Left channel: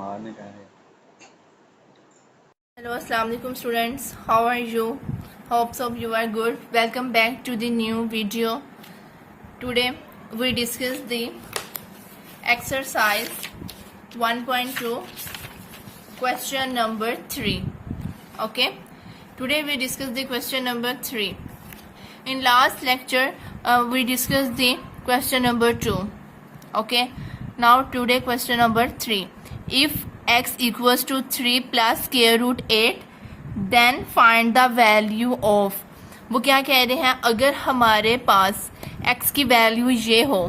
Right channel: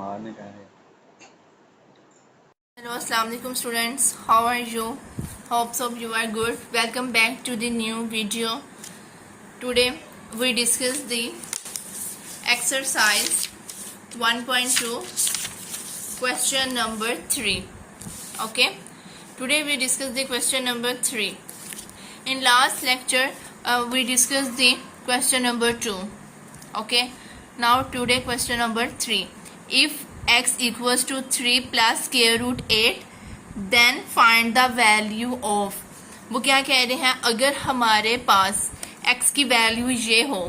मारने का है। Hello, Assalamu alaikum students. How are you? Hopes of you are good. Welcome back to the new video. Today we discuss the exercise 1.2 question number 3. Okay. Today we discuss the question number 3. In last lecture we discussed the question number 2. Okay. Now today question number 3. If x equals to 3 plus square root 8 then find the value of, वो क्या कह रहे हैं, अगर हमारे पास x की value ये हो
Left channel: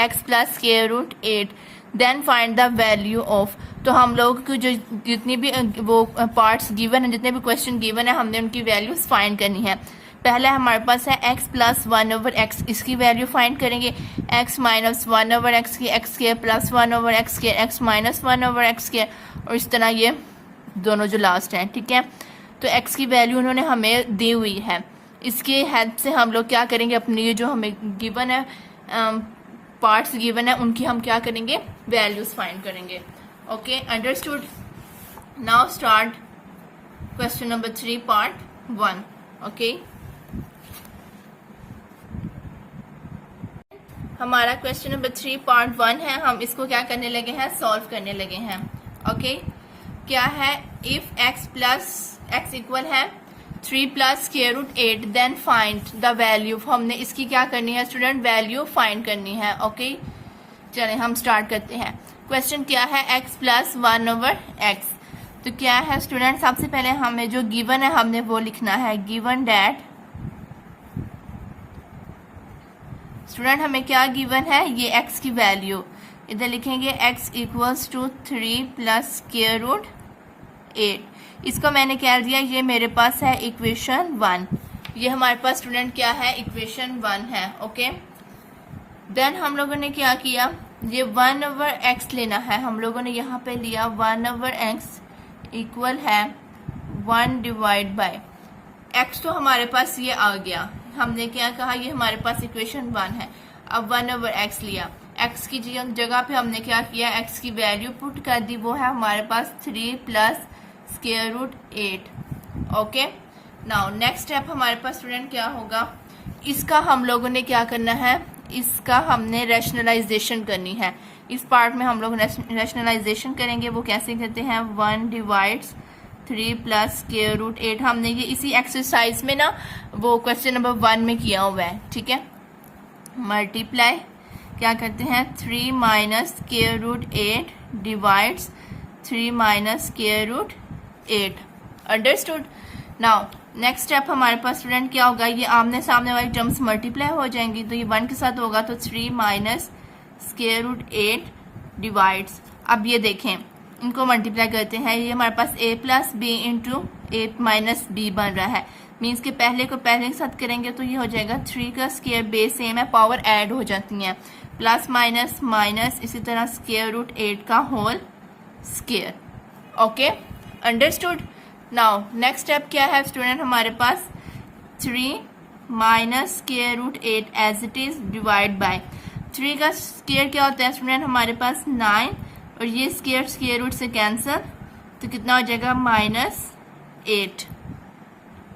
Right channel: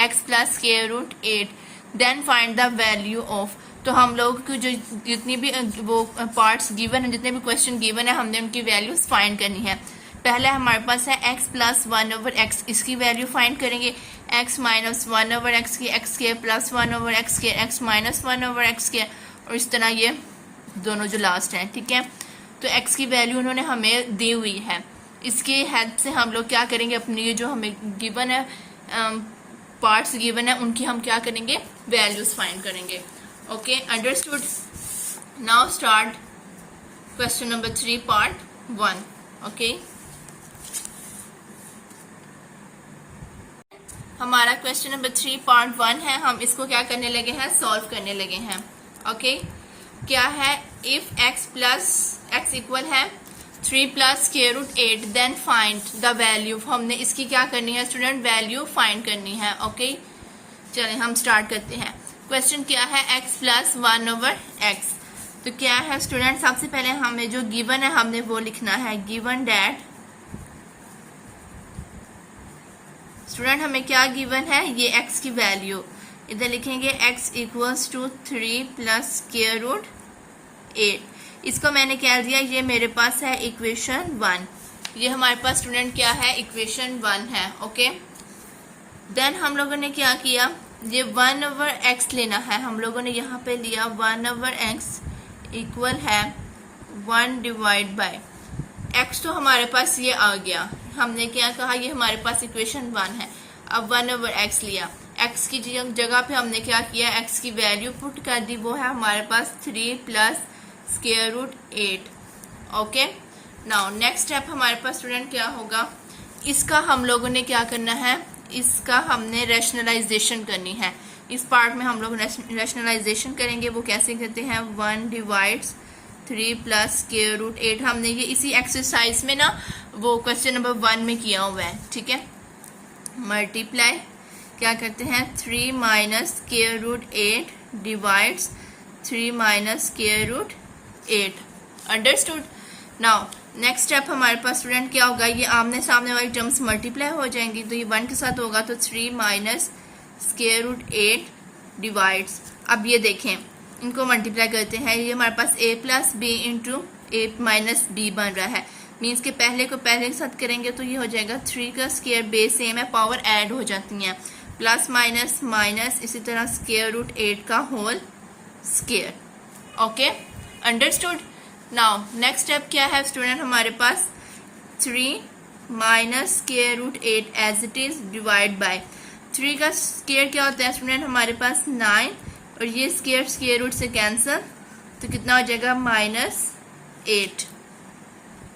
x plus square root 8 then find the value of. तो हम लोग को जो जितनी भी वो पार्ट्स गिवन है, जितने भी क्वेश्चन गिवन है, हमने उनकी वैल्यूज फाइंड करनी है। पहले हमारे पास है x प्लस 1 ओवर x, इसकी वैल्यू फाइंड करेंगे। x माइनस 1 ओवर x की x square plus 1 over x square x minus 1 over x square, और इस तरह ये दोनों जो लास्ट हैं। ठीक है, तो x की वैल्यू उन्होंने हमें दी हुई है। इसके हेल्प से हम लोग क्या करेंगे, अपनी ये जो हमें गिवन है पार्ट्स गिवन है उनकी हम क्या करेंगे, वैल्यूज फाइंड करेंगे। Okay, understood. Now start question number 3 part 1। Okay, हमारा क्वेश्चन नंबर 3 पार्ट 1 है। हम इसको क्या करने लगे हैं, सॉल्व करने लगे हैं। ओके, क्या है, if x plus x equal है 3 plus square root 8 then find the value. हमने इसकी क्या करनी है स्टूडेंट, वैल्यू फाइंड करनी है। ओके, चलें हम स्टार्ट करते हैं। क्वेश्चन क्या है, x प्लस 1 ओवर x। तो क्या है स्टूडेंट, सबसे पहले हमें जो गिवन है हमने वो लिखना है, गिवन डैट स्टूडेंट हमें क्या गिवन है, ये x की वैल्यू इधर लिखेंगे, x equals to 3 plus square root 8। इसको मैंने क्या दिया, ये मेरे पास है इक्वेशन 1। ये हमारे पास स्टूडेंट क्या है, इक्वेशन 1 है। ओके, देन हम लोगों ने क्या किया, ये 1 ओवर x लेना है। हम लोगों ने यहाँ पे लिया 1 ओवर x इक्वल है 1 डिवाइड बाय x। तो हमारे पास ये आ गया। हमने क्या कहा, ये हमारे पास इक्वेशन 1 है। अब 1 ओवर x लिया, x की जगह पे हमने क्या किया, x की वैल्यू पुट कर दी, वो है हमारे पास 3 plus square root 8। Okay, now next step हमारे पास स्टूडेंट क्या होगा, इसका हम लोगों ने क्या करना है, इसका हमने रैशनलाइजेशन करनी है। इस पार्ट में हम लोग रैशनलाइजेशन करेंगे। वो कैसे करते हैं, 1 डिवाइड्स 3 प्लस स्क्वायर रूट 8। हमने ये इसी एक्सरसाइज में ना वो क्वेश्चन नंबर 1 में किया हुआ है। ठीक है, मल्टीप्लाई क्या करते हैं, 3 minus square root 8 divides 3 minus square root 8। Understood. Now next step हमारे पास स्टूडेंट क्या होगा, ये आमने सामने वाली टर्म्स मल्टीप्लाई हो जाएंगी, तो ये 1 के साथ होगा, तो 3 माइनस स्क्वायर रूट 8 डिवाइड्स। अब ये देखें, इनको मल्टीप्लाई करते हैं, ये हमारे पास a plus B into A minus B बन रहा है। मीन्स के पहले को पहले के साथ करेंगे तो ये हो जाएगा 3 का स्क्वायर, बेस सेम है, पावर ऐड हो जाती हैं, प्लस माइनस माइनस, इसी तरह स्क्वायर रूट 8 का whole square. Okay, understood. Now next step क्या है स्टूडेंट, हमारे पास 3 minus square root 8 as it is divide by 3 का स्क्वायर क्या होता है स्टूडेंट, हमारे पास 9, और ये स्क्वायर रूट से कैंसिल, तो कितना हो जाएगा, -8।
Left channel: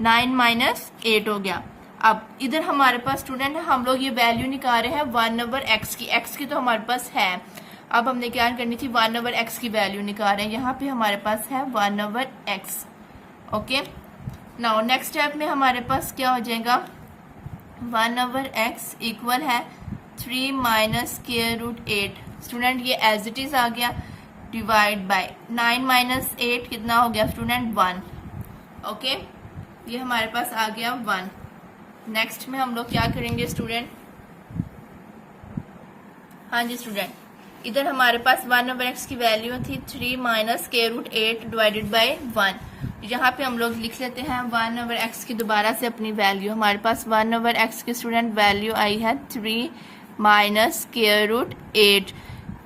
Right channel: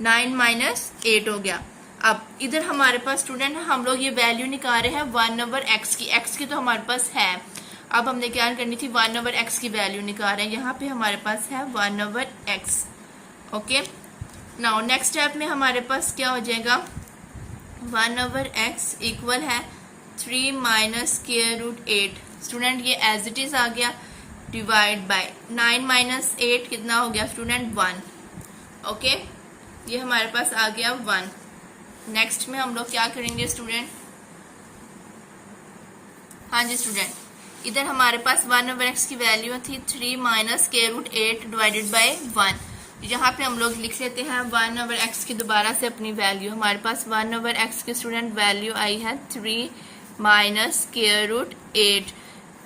9 माइनस 8 हो गया। अब इधर हमारे पास स्टूडेंट हम लोग ये वैल्यू निकाल रहे हैं 1 ओवर x की। x की तो हमारे पास है, अब हमने क्या करनी थी, 1 ओवर x की वैल्यू निकाल रहे हैं। यहाँ पे हमारे पास है 1 over x। Okay, now next step में हमारे पास क्या हो जाएगा, 1 ओवर x इक्वल है 3 माइनस स्क्वायर रूट 8। स्टूडेंट ये एज इट इज आ गया, डिवाइड बाय 9 माइनस 8 कितना हो गया स्टूडेंट, 1। ओके, ये हमारे पास आ गया 1। नेक्स्ट में हम लोग क्या करेंगे स्टूडेंट, हाँ जी स्टूडेंट, इधर हमारे पास 1 ओवर x की वैल्यू थी 3 minus square root 8 divided by 1। यहाँ पे हम लोग लिख लेते हैं 1 ओवर x की दोबारा से अपनी वैल्यू। हमारे पास 1 ओवर x की स्टूडेंट वैल्यू आई है 3 माइनस स्क्वायर रूट 8।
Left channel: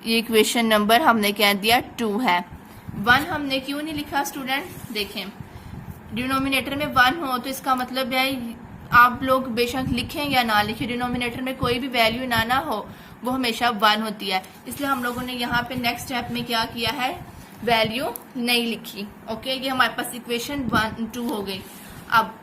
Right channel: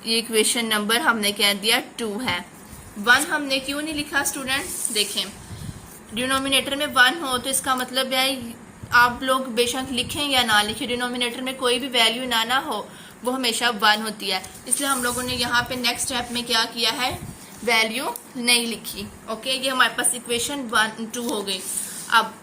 ये इक्वेशन नंबर हमने क्या दिया, 2 है। 1 हमने क्यों नहीं लिखा स्टूडेंट, देखें डिनोमिनेटर में 1 हो तो इसका मतलब है आप लोग बेशक लिखें या ना लिखें, डिनोमिनेटर में कोई भी वैल्यू ना हो वो हमेशा 1 होती है। इसलिए हम लोगों ने यहाँ पे नेक्स्ट स्टेप में क्या किया है, वैल्यू नहीं लिखी। ओके, ये हमारे पास इक्वेशन 1-2 हो गई। अब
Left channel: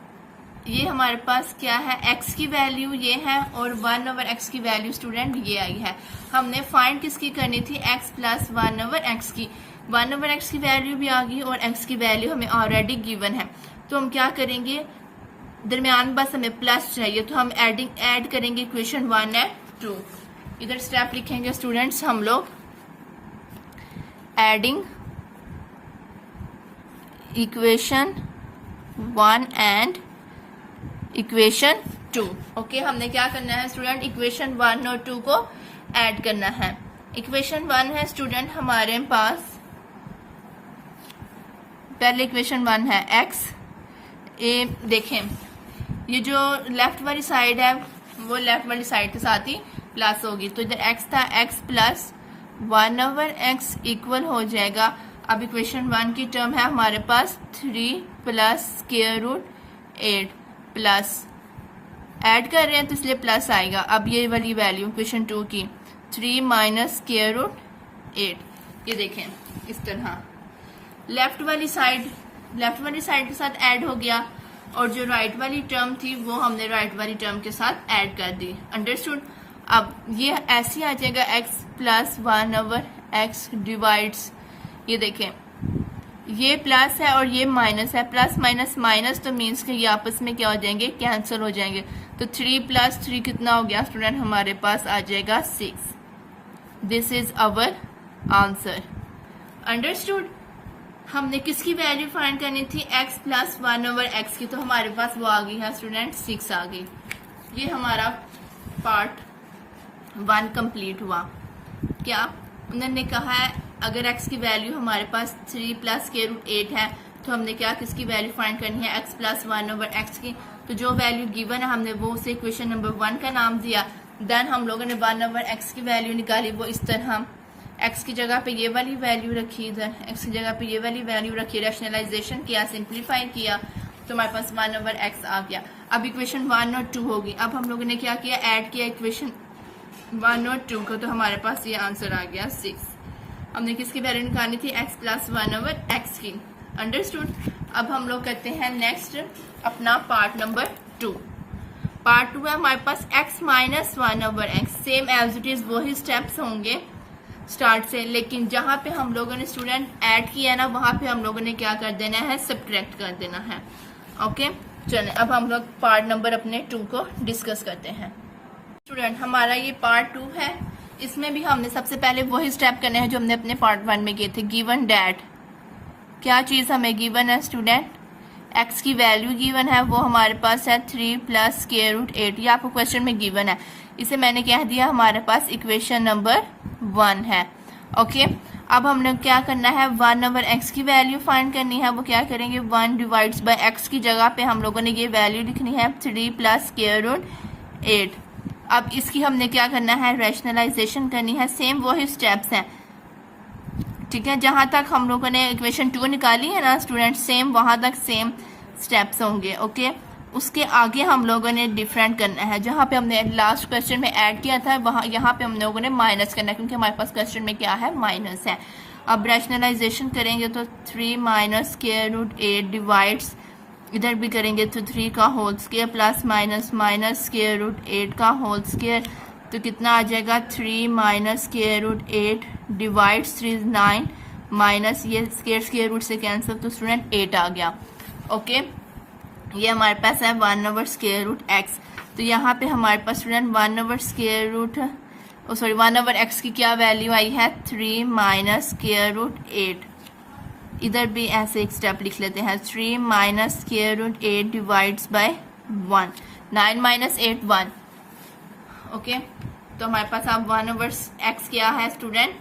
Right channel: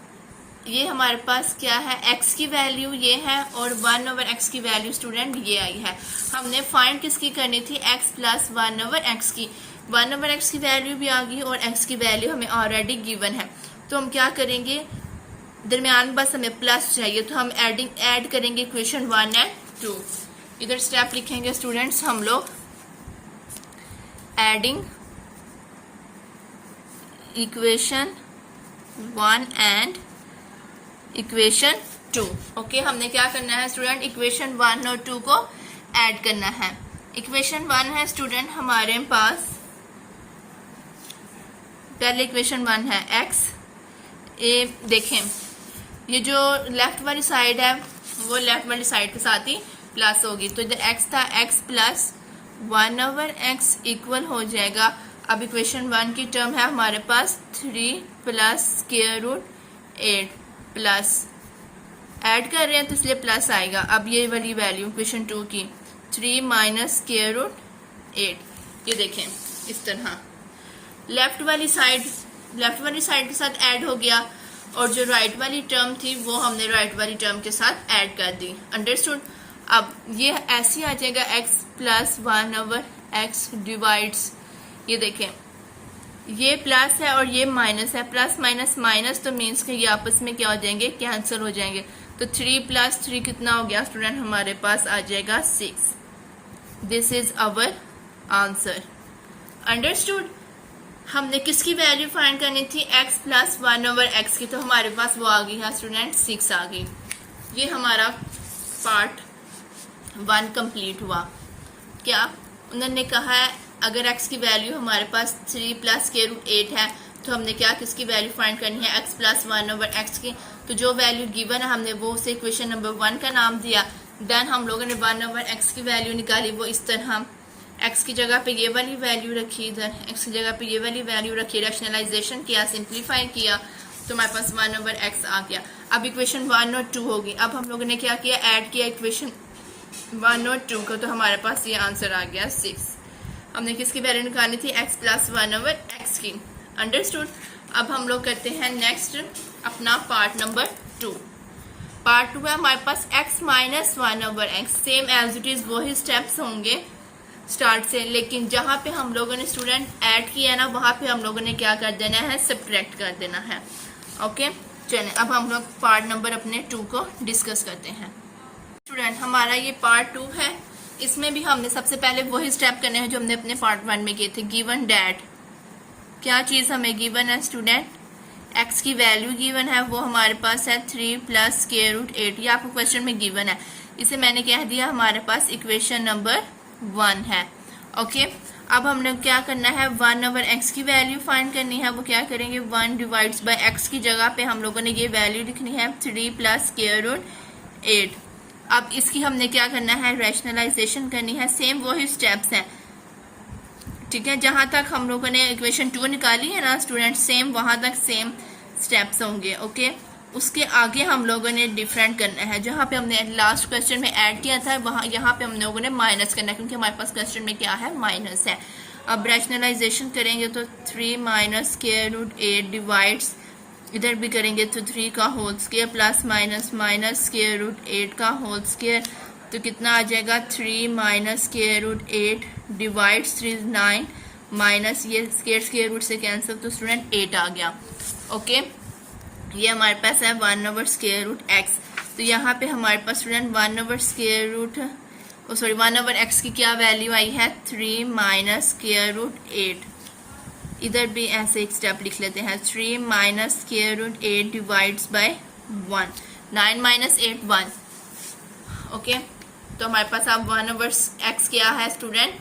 ये हमारे पास क्या है, x की वैल्यू ये है और 1/x की वैल्यू स्टूडेंट ये आई है। हमने फाइंड किसकी करनी थी, x प्लस 1/x की। 1/x की वैल्यू भी आ गई और x की वैल्यू हमें ऑलरेडी गिवन है। तो हम क्या करेंगे, दरमियान बस हमें प्लस चाहिए, तो हम ऐड करेंगे इक्वेशन 1 एंड 2। इधर स्टेप लिखेंगे स्टूडेंट्स हम लोग, adding equation 1 and equation 2। Okay, हमने क्या करना है स्टूडेंट, इक्वेशन 1 और 2 को ऐड करना है। इक्वेशन 1 है स्टूडेंट हमारे पास, पहले इक्वेशन 1 है x ए, देखें ये जो लेफ्ट वाली साइड है वो लेफ्ट वाली साइड के साथ ही प्लस होगी, तो इधर x था, x प्लस 1/x इक्वल हो जाएगा। अब इक्वेशन 1 की टर्म है हमारे पास 3 plus square root 8 plus, add कर रहे हैं तो इसलिए प्लस आएगा। अब ये वाली वैल्यू इक्वेशन 2 की 3 माइनस स्क्वायर रूट 8, ये देखें इस तरह लेफ्ट वाली साइड के साथ ऐड हो गया और जो राइट वाली टर्म थी वो हमने राइट वाली टर्म के साथ ऐड कर दी। अंडरस्टूड। अब ये ऐसे आ जाएगा x प्लस 1/x डिवाइड्स, ये देखें ये प्लस है और ये माइनस है, प्लस माइनस माइनस, तो मीन्स कि ये आपस में क्या हो जाएंगे, कैंसिल हो जाएंगे। तो 3 प्लस 3 कितना हो गया स्टूडेंट, हमारे पास आ जाएगा 6। This is our answer. Understood. हमने किसकी वैल्यू फाइंड करनी थी, x प्लस 1/x की, तो हमारे पास वो आ गई है स्टूडेंट 6 आ गई। ये हमारा पार्ट 1 कंप्लीट हुआ। क्या उन्होंने कहा है, अगर x की वैल्यू हमारे पास 3 प्लस स्क्वायर रूट 8 है तो हमने क्या किसकी वैल्यू फाइंड करनी है, x प्लस 1/x की। तो जो वैल्यू गिवन है हमने वो उसे इक्वेशन नंबर 1 का नाम दिया। देन हम लोगों ने 1/x की वैल्यू निकाली, वो इस तरह x की जगह पे ये वाली वैल्यू रखी, इधर x की जगह पे ये वाली वैल्यू रखी, रैशनलाइजेशन किया, सिंप्लीफाई किया, तो हमारे पास 1/x आ गया। अब इक्वेशन 1 और 2 होगी। अब हम लोगों ने क्या किया, ऐड किया इक्वेशन 1 और 2 को, तो हमारे पास ये आंसर आ गया 6। हमने किसकी वैल्यू निकालनी थी, x प्लस 1/x की। अंडरस्टूड। अब हम लोग करते हैं नेक्स्ट अपना पार्ट नंबर 2। पार्ट 2 है हमारे पास x minus 1/x। Same as it is वही स्टेप्स होंगे स्टार्ट से, लेकिन जहाँ पे हम लोगों ने स्टूडेंट ऐड किया ना वहाँ पे हम लोगों ने क्या कर देना है, सब्ट्रैक्ट कर देना है। ओके, चलिए अब हम लोग पार्ट नंबर अपने 2 को डिस्कस करते हैं। स्टूडेंट हमारा ये पार्ट 2 है, इसमें भी हमने सबसे पहले वही स्टेप करने हैं जो हमने अपने पार्ट 1 में किए थे। गिवन डैट, क्या चीज हमें गिवन है स्टूडेंट, x की वैल्यू गिवन है, वो हमारे पास है 3 प्लस स्क्वायर रूट 8, ये आपको क्वेश्चन में गिवन है। इसे मैंने कह दिया हमारे पास इक्वेशन नंबर 1 है। ओके, अब हम लोग क्या करना है, 1/x की वैल्यू फाइंड करनी है। वो क्या करेंगे, 1 डिवाइड्स बाय x की जगह पे हम लोगों ने ये वैल्यू लिखनी है 3 प्लस स्क्वायर रूट 8। अब इसकी हमने क्या करना है, रैशनलाइजेशन करनी है। सेम वही स्टेप्स हैं, ठीक है, जहां तक हम लोगों ने इक्वेशन 2 निकाली है ना स्टूडेंट, सेम वहां तक सेम स्टेप्स होंगे। ओके, उसके आगे हम लोगों ने डिफरेंट करना है। जहां पे हमने लास्ट क्वेश्चन में ऐड किया था वहां यहाँ पे हम लोगों ने माइनस करना है, क्योंकि हमारे पास क्वेश्चन में क्या है, माइनस है। अब रैशनलाइजेशन करेंगे तो 3 माइनस स्क्वायर रूट 8 डिवाइड्स, इधर भी करेंगे तो 3 का whole square plus minus minus square root 8 का होल स्क्वायर, तो कितना आ जाएगा, 3 minus square root 8 divides 3 9 minus ये स्क्वायर रूट से कैंसिल, तो स्टूडेंट 8 आ गया। ओके, ये हमारे पास है 1/स्क्वायर रूट x। तो यहाँ पे हमारे पास स्टूडेंट 1/स्क्वायर रूट, सॉरी 1/x की क्या वैल्यू आई है, 3 माइनस स्क्वायर रूट 8। इधर भी ऐसे एक स्टेप लिख लेते हैं, 3 minus square root 8 divides by 1, 9 minus 8 1। Okay, तो हमारे पास अब 1/x क्या है स्टूडेंट,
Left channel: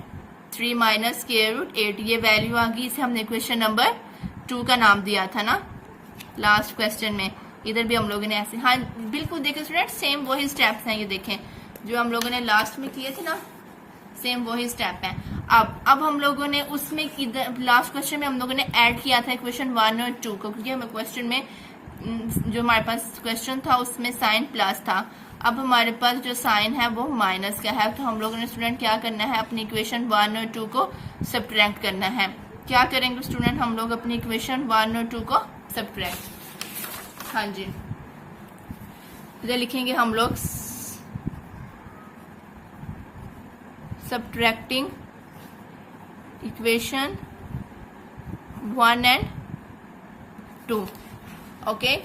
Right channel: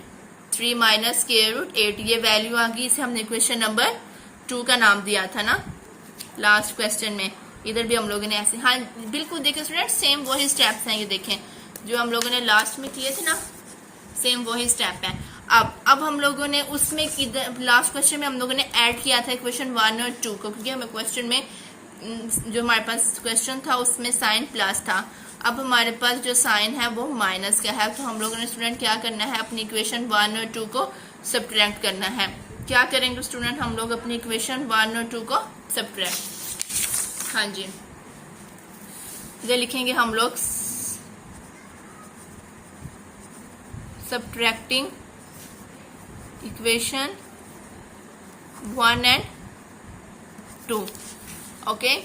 3 माइनस स्क्वायर रूट 8, ये वैल्यू आ गई। इसे हमने इक्वेशन नंबर 2 का नाम दिया था ना लास्ट क्वेश्चन में। इधर भी हम लोगों ने ऐसे, हाँ बिल्कुल देखें स्टूडेंट, सेम वही स्टेप्स हैं, ये देखें जो हम लोगों ने लास्ट में किए थे ना, सेम वही स्टेप है। अब हम लोगों ने उसमें इधर लास्ट क्वेश्चन में हम लोगों ने ऐड किया था इक्वेशन 1 और 2 को, क्योंकि हमें क्वेश्चन में जो हमारे पास क्वेश्चन था उसमें साइन प्लस था। अब हमारे पास जो साइन है वो माइनस का है, तो हम लोगों ने स्टूडेंट क्या करना है, अपनी इक्वेशन 1 और 2 को सब्ट्रैक्ट करना है। क्या करेंगे स्टूडेंट, हम लोग अपनी इक्वेशन 1 और 2 को सब्ट्रैक्ट, हाँ जी इधर लिखेंगे हम लोग subtracting equation 1 and 2। Okay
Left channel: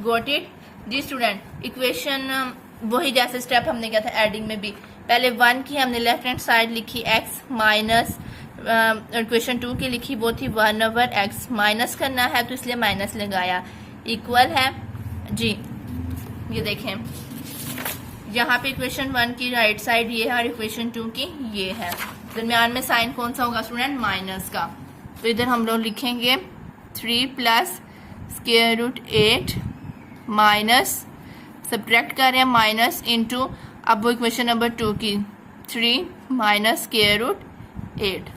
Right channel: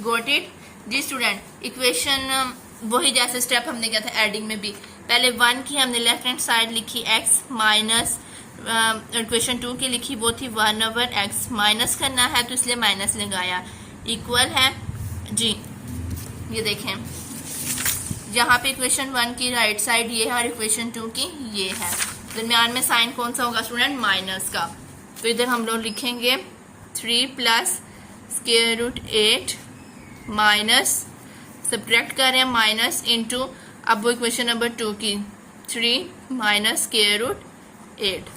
got it जी स्टूडेंट। इक्वेशन वही जैसे स्टेप हमने किया था एडिंग में भी, पहले 1 की हमने लेफ्ट हैंड साइड लिखी x माइनस इक्वेशन 2 की लिखी वो थी 1/x, माइनस करना है तो इसलिए माइनस लगाया, इक्वल है जी। ये देखें यहाँ पे इक्वेशन 1 की राइट साइड ये है और इक्वेशन 2 की ये है, दरम्यान में साइन कौन सा होगा स्टूडेंट, माइनस का। तो इधर हम लोग लिखेंगे 3 plus square root 8 minus, subtract कर रहे हैं माइनस इंटू, अब वो इक्वेशन नंबर 2 की 3 minus square root 8,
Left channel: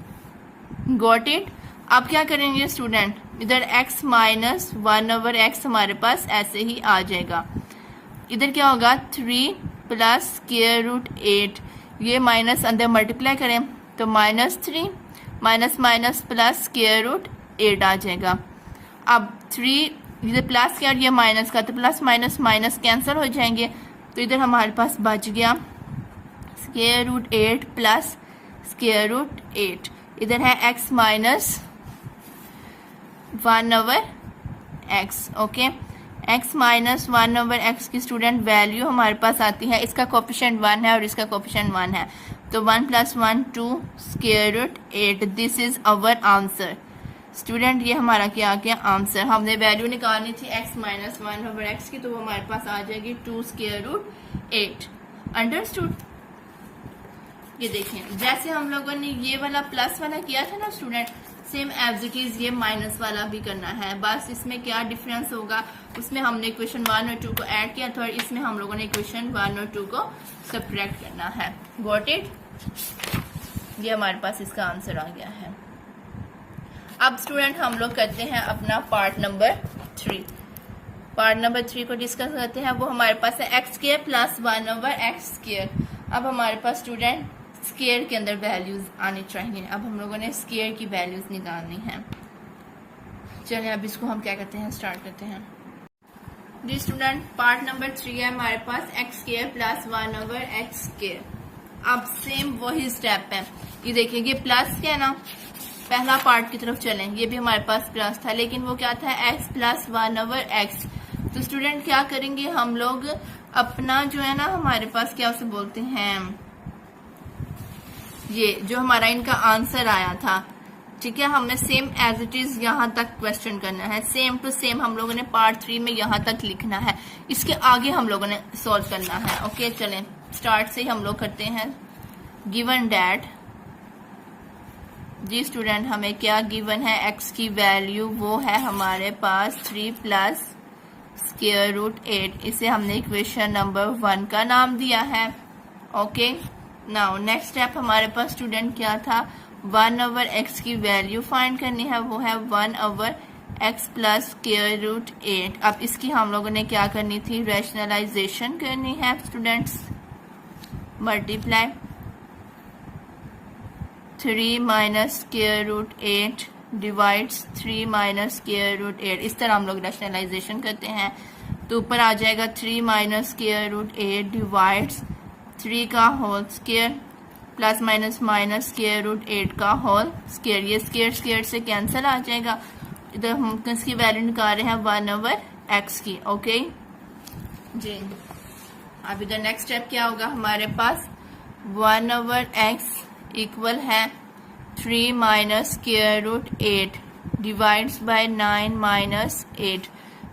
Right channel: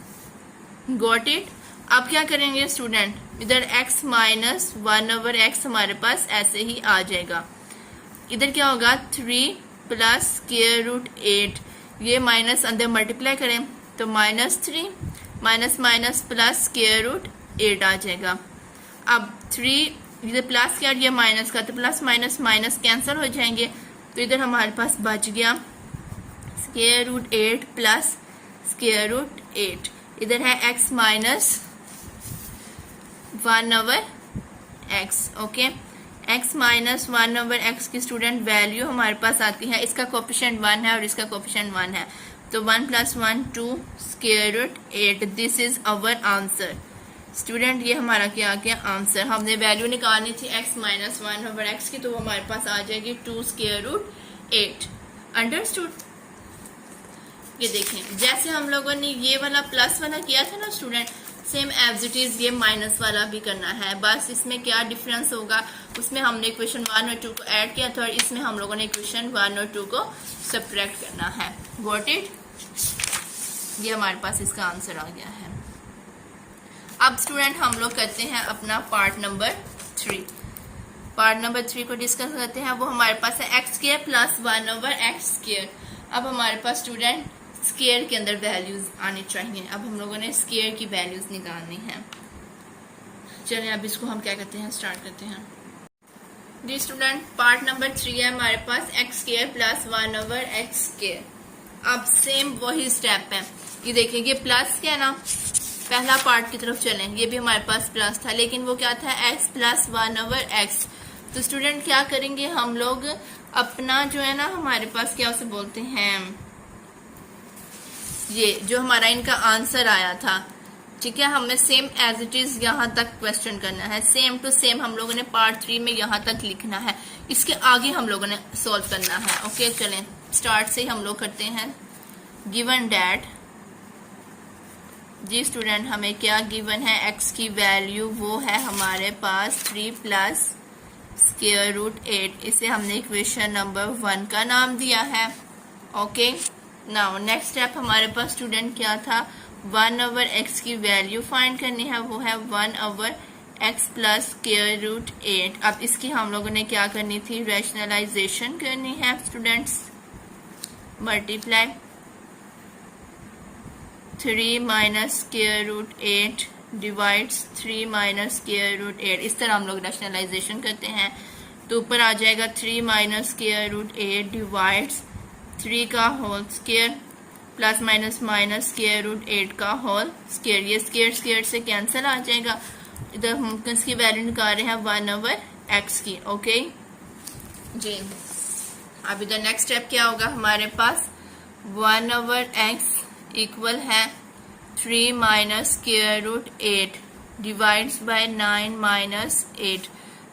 got it. अब क्या करेंगे स्टूडेंट, इधर x माइनस 1/x हमारे पास ऐसे ही आ जाएगा, इधर क्या होगा 3 प्लस स्क्वायर रूट 8, ये माइनस अंदर मल्टीप्लाई करें तो -3 minus minus plus square root 8 आ जाएगा। अब 3 इधर प्लस का और ये माइनस का, तो प्लस माइनस माइनस कैंसिल हो जाएंगे, तो इधर हमारे पास बच गया square root 8 plus square root 8, इधर है x minus 1/x। Okay x minus 1/x की स्टूडेंट वैल्यू हमारे पास आती है, इसका कोफिशिएंट 1 है और इसका कोफिशिएंट 1 है, तो 1 + 1 2 square root 8, this is our answer. Student ये हमारा क्या आ गया आंसर, हमने वैल्यू निकालनी थी x माइनस 1/x की, तो वो हमारे पास आ जाएगी 2 स्क्वायर रूट 8। अंडरस्टूड। ये देखें जैसे हम लोगों ने ये वाला प्लस वाला किया था ना student, same as it is ये माइनस वाला भी करना है, बस इसमें क्या डिफरेंस होगा, उसमें हमने इक्वेशन 1 और 2 को ऐड किया था और इसमें हम लोगों ने इक्वेशन 1 और 2 को सब्ट्रैक्ट करना है। Got it. ये हमारे पास इसका आंसर आ गया है। अब स्टूडेंट हम लोग करते हैं अपना पार्ट नंबर 3। पार्ट नंबर 3 को डिस्कस करते हैं, वो हमारे पास है x² प्लस 1/x²। अब हमारे पास स्टूडेंट स्क्वायर के अंदर वैल्यूज आनी चाहिए, अब हम लोगों ने स्क्वायर की वैल्यूज निकालनी है। चलिए अब इसको हम क्या करते हैं, स्टार्ट करते हैं जी स्टूडेंट। पार्ट नंबर 3 है हमारे पास x² प्लस 1/x²। अब सेम वही स्टेप है, ये देखिए ये प्लस क्या है ना, पहला पार्ट की तरफ चलें, ये भी हमारे पास प्लस था लेकिन वो क्या था x प्लस 1/x। तो स्टूडेंट क्या करेंगे हम लोग अपना जो है ना, हमारे पास क्या उसे बोलते हैं, ये जो हमारा इनका आंसर आया था, ठीक है, हमें सेम एज इट इज यहाँ तक क्वेश्चन करना है, सेम टू सेम हम लोगों ने पार्ट 3 में यहाँ तक लिखना है, इसके आगे हम लोगों ने सॉल्व करना है। ओके चलें स्टार्ट से हम लोग करते हैं। गिवन डैट जी स्टूडेंट हमें क्या गिवन है, x की वैल्यू वो है हमारे पास 3 प्लस स्क्वायर रूट 8, इसे हमने इक्वेशन नंबर 1 का नाम दिया है। ओके नाउ नेक्स्ट स्टेप हमारे पास स्टूडेंट क्या था, 1/x की वैल्यू फाइंड करनी है, वो है 1/x प्लस स्क्वायर रूट 8। अब इसकी हम लोगों ने क्या करनी थी, रैशनलाइजेशन करनी है students, multiply 3 minus square root 8 divides 3 minus square root 8, इस तरह हम लोग रैशनलाइजेशन करते हैं, तो ऊपर आ जाएगा 3 माइनस स्क्वायर रूट 8 डिवाइड्स 3 का whole square plus minus minus square root 8 का होल स्क्वायर, ये स्क्वायर स्क्वायर से कैंसिल आ जाएगा। इधर हम इसकी वैल्यू निकाल रहे हैं 1/x की। ओके जी अब इधर नेक्स्ट स्टेप क्या होगा हमारे पास, 1/x इक्वल है 3 minus square root 8 divides by 9 minus 8,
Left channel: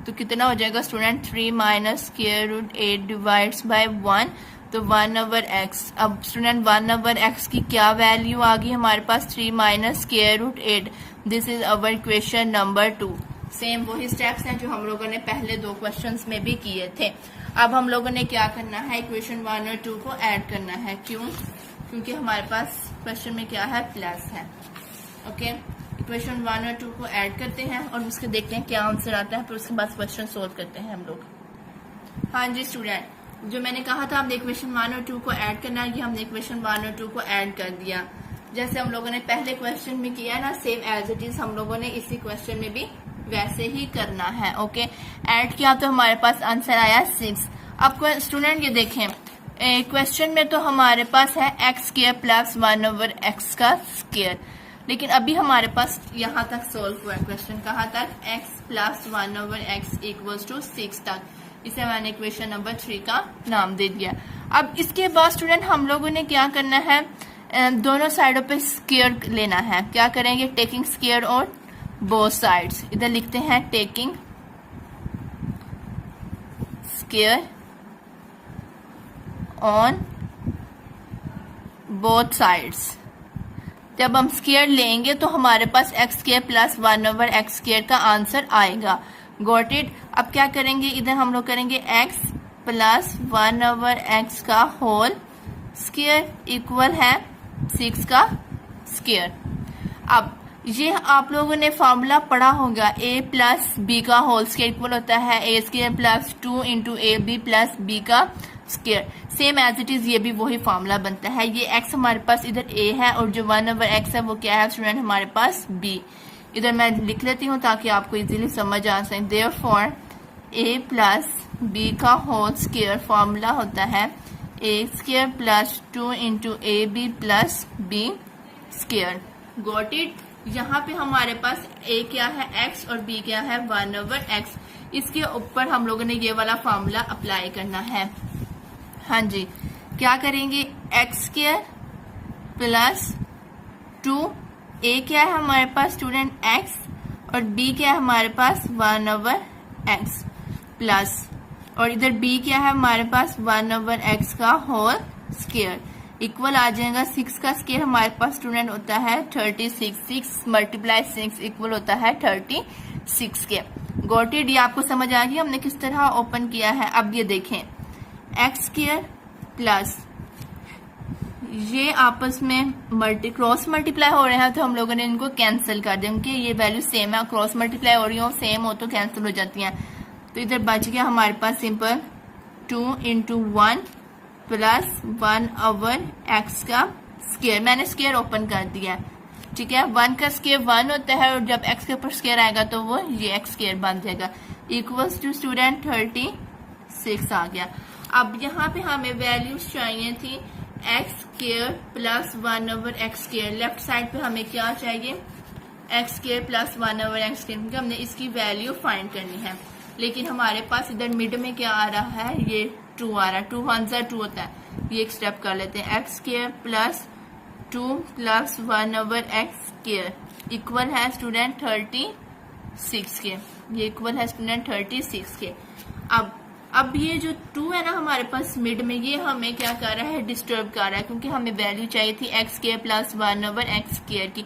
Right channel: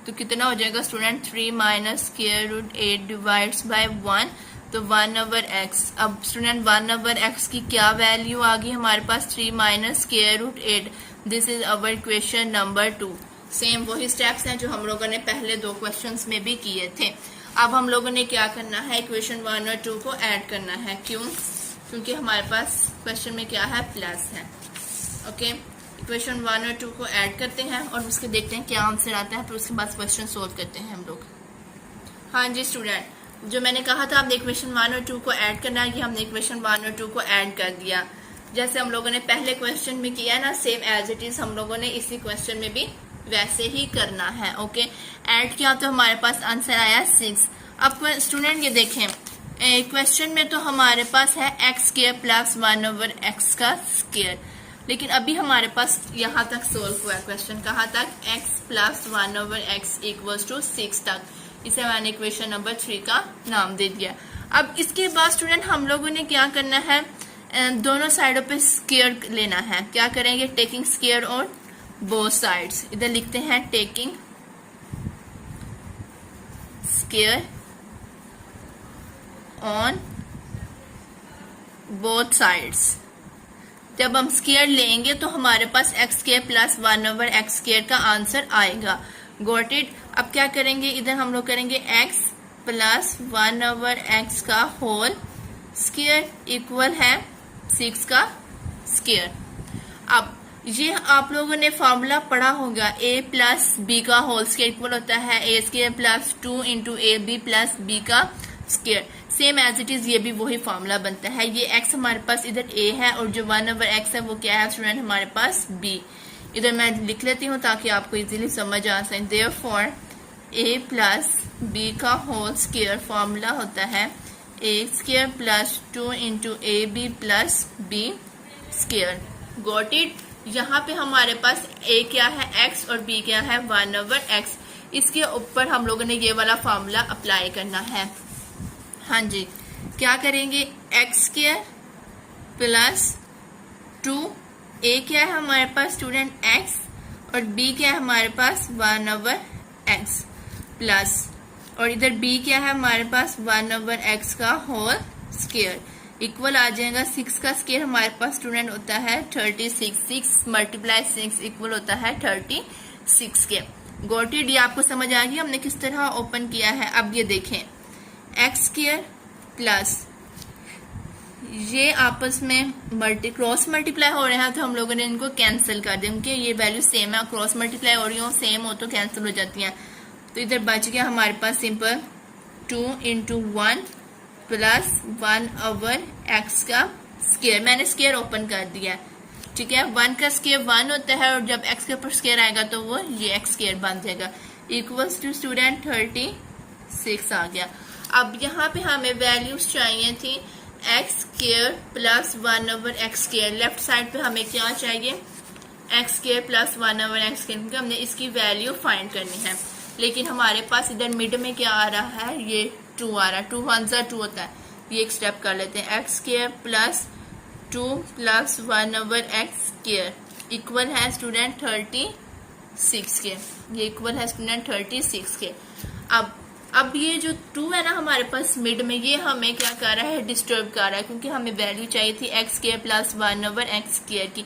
तो कितना हो जाएगा student, 3 minus square root 8 divides by 1, तो 1/x। अब स्टूडेंट 1/x की क्या वैल्यू आ गई हमारे पास, 3 minus square root 8, this is our equation number 2। Same वही स्टेप्स हैं जो हम लोगों ने पहले 2 क्वेश्चंस में भी किए थे। अब हम लोगों ने क्या करना है, इक्वेशन 1 और 2 को ऐड करना है, क्यों, क्योंकि हमारे पास क्वेश्चन में क्या है, प्लस है। ओके इक्वेशन 1 और 2 को ऐड करते हैं और उसके देखते हैं क्या आंसर आता है, फिर उसके बाद क्वेश्चन सोल्व करते हैं हम लोग। हाँ जी स्टूडेंट, जो मैंने कहा था आपने इक्वेशन 1 और 2 को ऐड करना है, ये हमने इक्वेशन 1 और 2 को ऐड कर दिया। जैसे हम लोगों ने पहले क्वेश्चन में किया ना, सेम एज इट इज हम लोगों ने इसी क्वेश्चन में भी वैसे ही करना है। ओके, ऐड किया तो हमारे पास आंसर आया 6। अब स्टूडेंट ये देखें, क्वेश्चन में तो हमारे पास है एक्स स्क्वायर प्लस 1/x का स्क्वायर, लेकिन अभी हमारे पास यहाँ तक सोल्व हुआ क्वेश्चन, कहाँ तक, x plus 1/x equals to 6 तक। इसे मैंने इक्वेशन नंबर 3 का नाम दे दिया। अब इसके बाद स्टूडेंट हम लोगों ने क्या करना है, दोनों साइडों पे स्क्वायर लेना है। क्या करेंगे, taking square on both sides. इधर लिखते हैं taking square on both sides. जब हम स्क्वायर लेंगे तो हमारे पास X square plus 1/x square का आंसर आएगा। Got it. अब क्या करेंगे, इधर हम लोग करेंगे x प्लस 1/x का होल स्क्वायर इक्वल है 6 का स्क्वायर। अब ये आप लोगों ने फॉर्मूला पढ़ा होगा, a प्लस बी का होल स्क्वायर इक्वल होता है a square plus 2 into A B plus B का square. Same as it is ये भी वही फॉर्मूला बनता है। ये x हमारे पास इधर a है और जो 1/x है वो क्या है स्टूडेंट, हमारे पास b। इधर मैं लिख लेती हूँ ताकि आपको इजीली समझ आ सके। देयरफॉर a प्लस b का होल स्क्वायर फॉर्मूला होता है a square plus 2 into A B plus B square. Got it. यहाँ पे हमारे पास a क्या है x और b क्या है 1/x। इसके ऊपर हम लोगों ने ये वाला फॉर्मूला अप्लाई करना है। हाँ जी, क्या करेंगे, एक्स स्क्वायर प्लस 2, ए क्या है हमारे पास स्टूडेंट एक्स और बी क्या है हमारे पास 1/x प्लस, और इधर बी क्या है हमारे पास 1/x का होल स्क्वायर इक्वल आ जाएगा 6 का स्क्वायर हमारे पास स्टूडेंट होता है 36। 6 मल्टीप्लाई 6 इक्वल होता है 36 के। Got it. ये आपको समझ आ गई हमने किस तरह ओपन किया है। अब ये देखें, एक्स स्क्वायर प्लस ये आपस में क्रॉस मल्टीप्लाई हो रहे हैं तो हम लोगों ने इनको कैंसिल कर दिया क्योंकि ये वैल्यू सेम है। क्रॉस मल्टीप्लाई हो रही हो, सेम हो तो कैंसिल हो जाती हैं। तो इधर बच गया हमारे पास सिंपल 2 इंटू 1 प्लस 1/x का स्क्वायर। मैंने स्क्वायर ओपन कर दिया, ठीक है। 1 का स्क्वायर 1 होता है और जब x के ऊपर स्क्वायर आएगा तो वो ये x स्क्वायर बन जाएगा इक्वल्स टू स्टूडेंट 36 आ गया। अब यहाँ पे हमें वैल्यूज चाहिए थी x square plus 1/x square. Left side पे हमें क्या चाहिए, x square plus 1/x square, क्योंकि हमने इसकी वैल्यू फाइंड करनी है। लेकिन हमारे पास इधर मिड में क्या आ रहा है, ये 2 आ रहा है। 2 1 सा 2 होता है। ये एक स्टेप कर लेते हैं, x square plus 2 plus 1/x square equal है स्टूडेंट 36 के। ये इक्वल है स्टूडेंट 36 के। अब ये जो 2 है ना हमारे पास मिड में, ये हमें क्या कर रहा है, डिस्टर्ब कर रहा है, क्योंकि हमें वैल्यू चाहिए थी x square plus 1/x square की।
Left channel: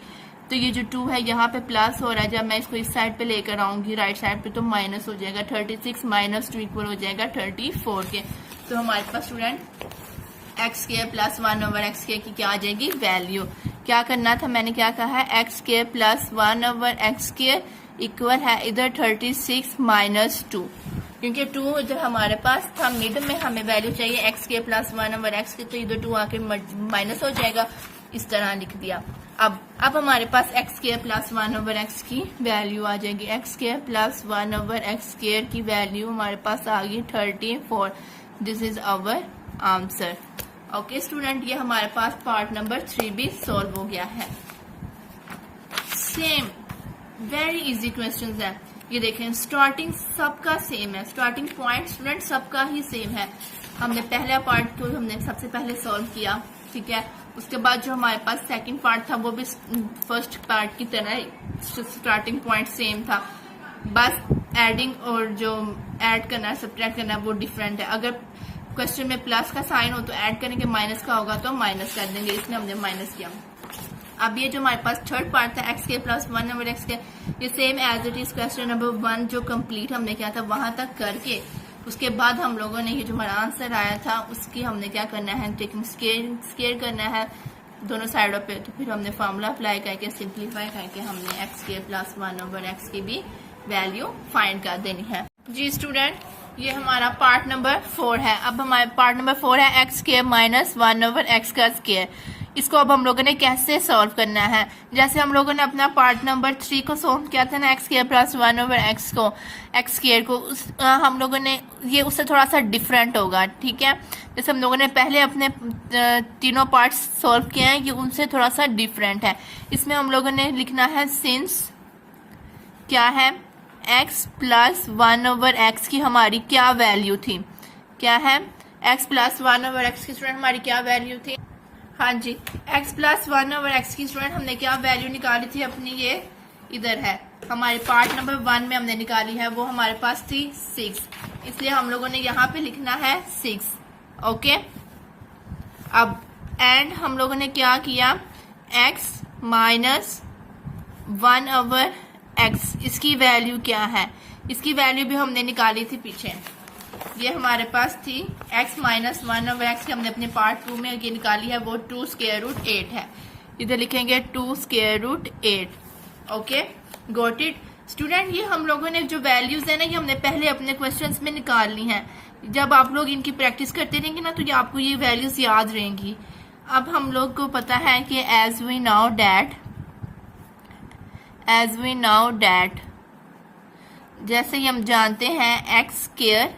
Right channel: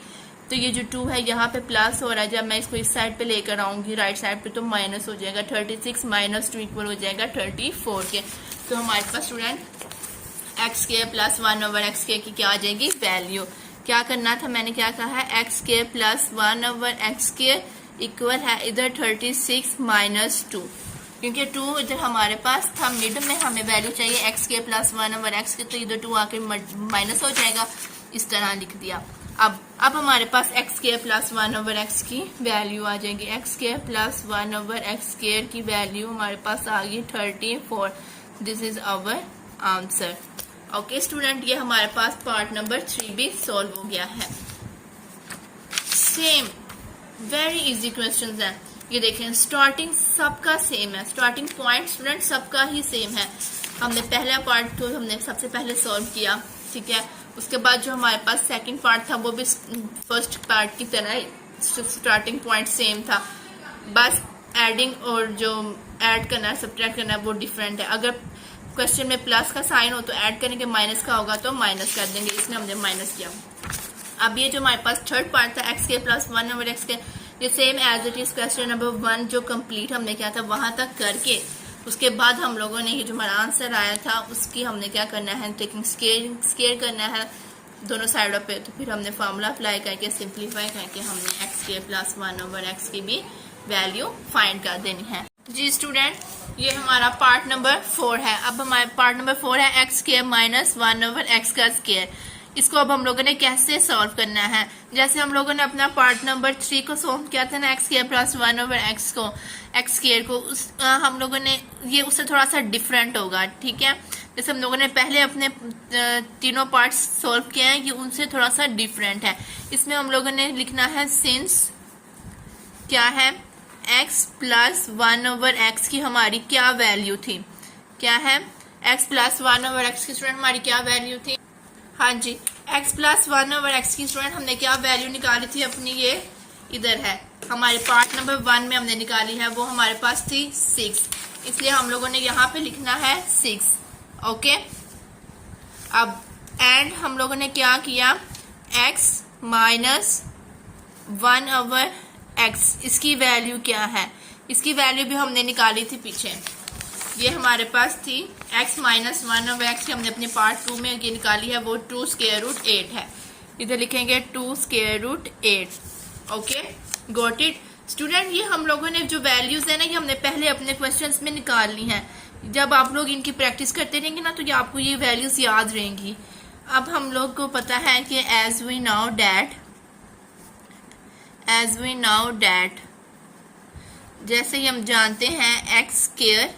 तो ये जो 2 है यहाँ पे प्लस हो रहा है, जब मैं इसको इस साइड पे लेकर आऊंगी राइट साइड पे तो माइनस हो जाएगा। 36 माइनस 2 इक्वल हो जाएगा 34 के। तो हमारे पास student X square plus 1/x square की क्या आ जाएगी वैल्यू। क्या करना था, मैंने क्या कहा है, x square plus 1/x square equal है इधर 36 माइनस 2, क्योंकि 2 इधर हमारे पास था मिड में, हमें वैल्यू चाहिए एक्स के प्लस 1/x के, तो इधर 2 आके माइनस हो जाएगा। इस तरह लिख दिया। अब हमारे पास एक्स के प्लस 1/x की वैल्यू आ जाएगी। एक्स के प्लस 1/x स्क्वायर की वैल्यू हमारे पास आ गई 34। This is our answer. Okay student, ये हमारे पास पार्ट नंबर 3 भी सॉल्व हो गया है। सेम वेरी इजी क्वेश्चंस है। ये देखें, स्टार्टिंग सबका सेम है, स्टार्टिंग पॉइंट स्टूडेंट सबका ही सेम है। हमने पहला पार्ट तो हमने सबसे पहले सॉल्व किया, ठीक है। उसके बाद जो हमारे पास सेकंड पार्ट था वो भी फर्स्ट पार्ट की तरह स्टार्टिंग पॉइंट सेम था, बस एडिंग और जो ऐड करना है सब्ट्रैक्ट करना है वो डिफरेंट है। अगर क्वेश्चन में प्लस का साइन हो तो ऐड करेंगे, माइनस का होगा तो माइनस कर देंगे, इसने हमने माइनस किया। अब ये जो हमारे पास थर्ड पार्ट था एक्स के प्लस 1/x के, ये same as it is question number 1 जो कंप्लीट हमने किया था वहां तक करके उसके बाद हम लोगों ने ये जो हमारा आंसर आया था उसकी हमने क्या करना है, टेकिंग स्केयर करना है दोनों साइडों पे। तो फिर हमने फार्मूला अप्लाई करके सिंप्लीफाई करके हमने एक्स के प्लस 1/x की भी वैल्यू फाइंड कर देनी है। जी स्टूडेंट, ये हमारा पार्ट नंबर 4 है। अब हमारे पार्ट नंबर 4 है एक्स स्क्वायर माइनस 1/x का स्क्वायर। इसको अब हम लोगों ने कैसे सॉल्व करना है, जैसे हम लोगों ने अपना पार्ट नंबर 3 को सॉल्व किया था ना, एक्स स्क्वायर प्लस 1/x को, एक्स स्क्वायर को हम लोगों ने ये उससे थोड़ा सा डिफरेंट होगा, ठीक है। जैसे हम लोगों ने पहले अपने तीनों पार्ट्स सॉल्व किए हैं, ये उनसे थोड़ा सा डिफरेंट है। इसमें हम लोगों ने लिखना है सिंस क्या है, x प्लस 1/x की हमारी क्या वैल्यू थी, क्या है, x प्लस 1/x की स्टूडेंट हमारी क्या वैल्यू थी, हाँ जी, x प्लस 1/x की स्टूडेंट हमने क्या वैल्यू निकाली थी अपनी, ये इधर है हमारे पार्ट नंबर 1 में हमने निकाली है, वो हमारे पास थी 6, इसलिए हम लोगों ने यहाँ पे लिखना है 6। ओके, अब एंड हम लोगों ने क्या किया, x माइनस 1/x इसकी वैल्यू क्या है, इसकी वैल्यू भी हमने निकाली थी पीछे, ये हमारे पास थी x माइनस 1/x की हमने अपने पार्ट 2 में ये निकाली है, वो 2 स्क्वायर रूट 8 है, इधर लिखेंगे 2 square root 8। Okay, got it student. ये हम लोगों ने जो वैल्यूज है ना, ये हमने पहले अपने क्वेश्चंस में निकाल ली हैं। जब आप लोग इनकी प्रैक्टिस करते रहेंगे ना, तो ये आपको ये वैल्यूज याद रहेंगी। अब हम लोग को पता है कि एज वी नाउ डैट जैसे ही हम जानते हैं x square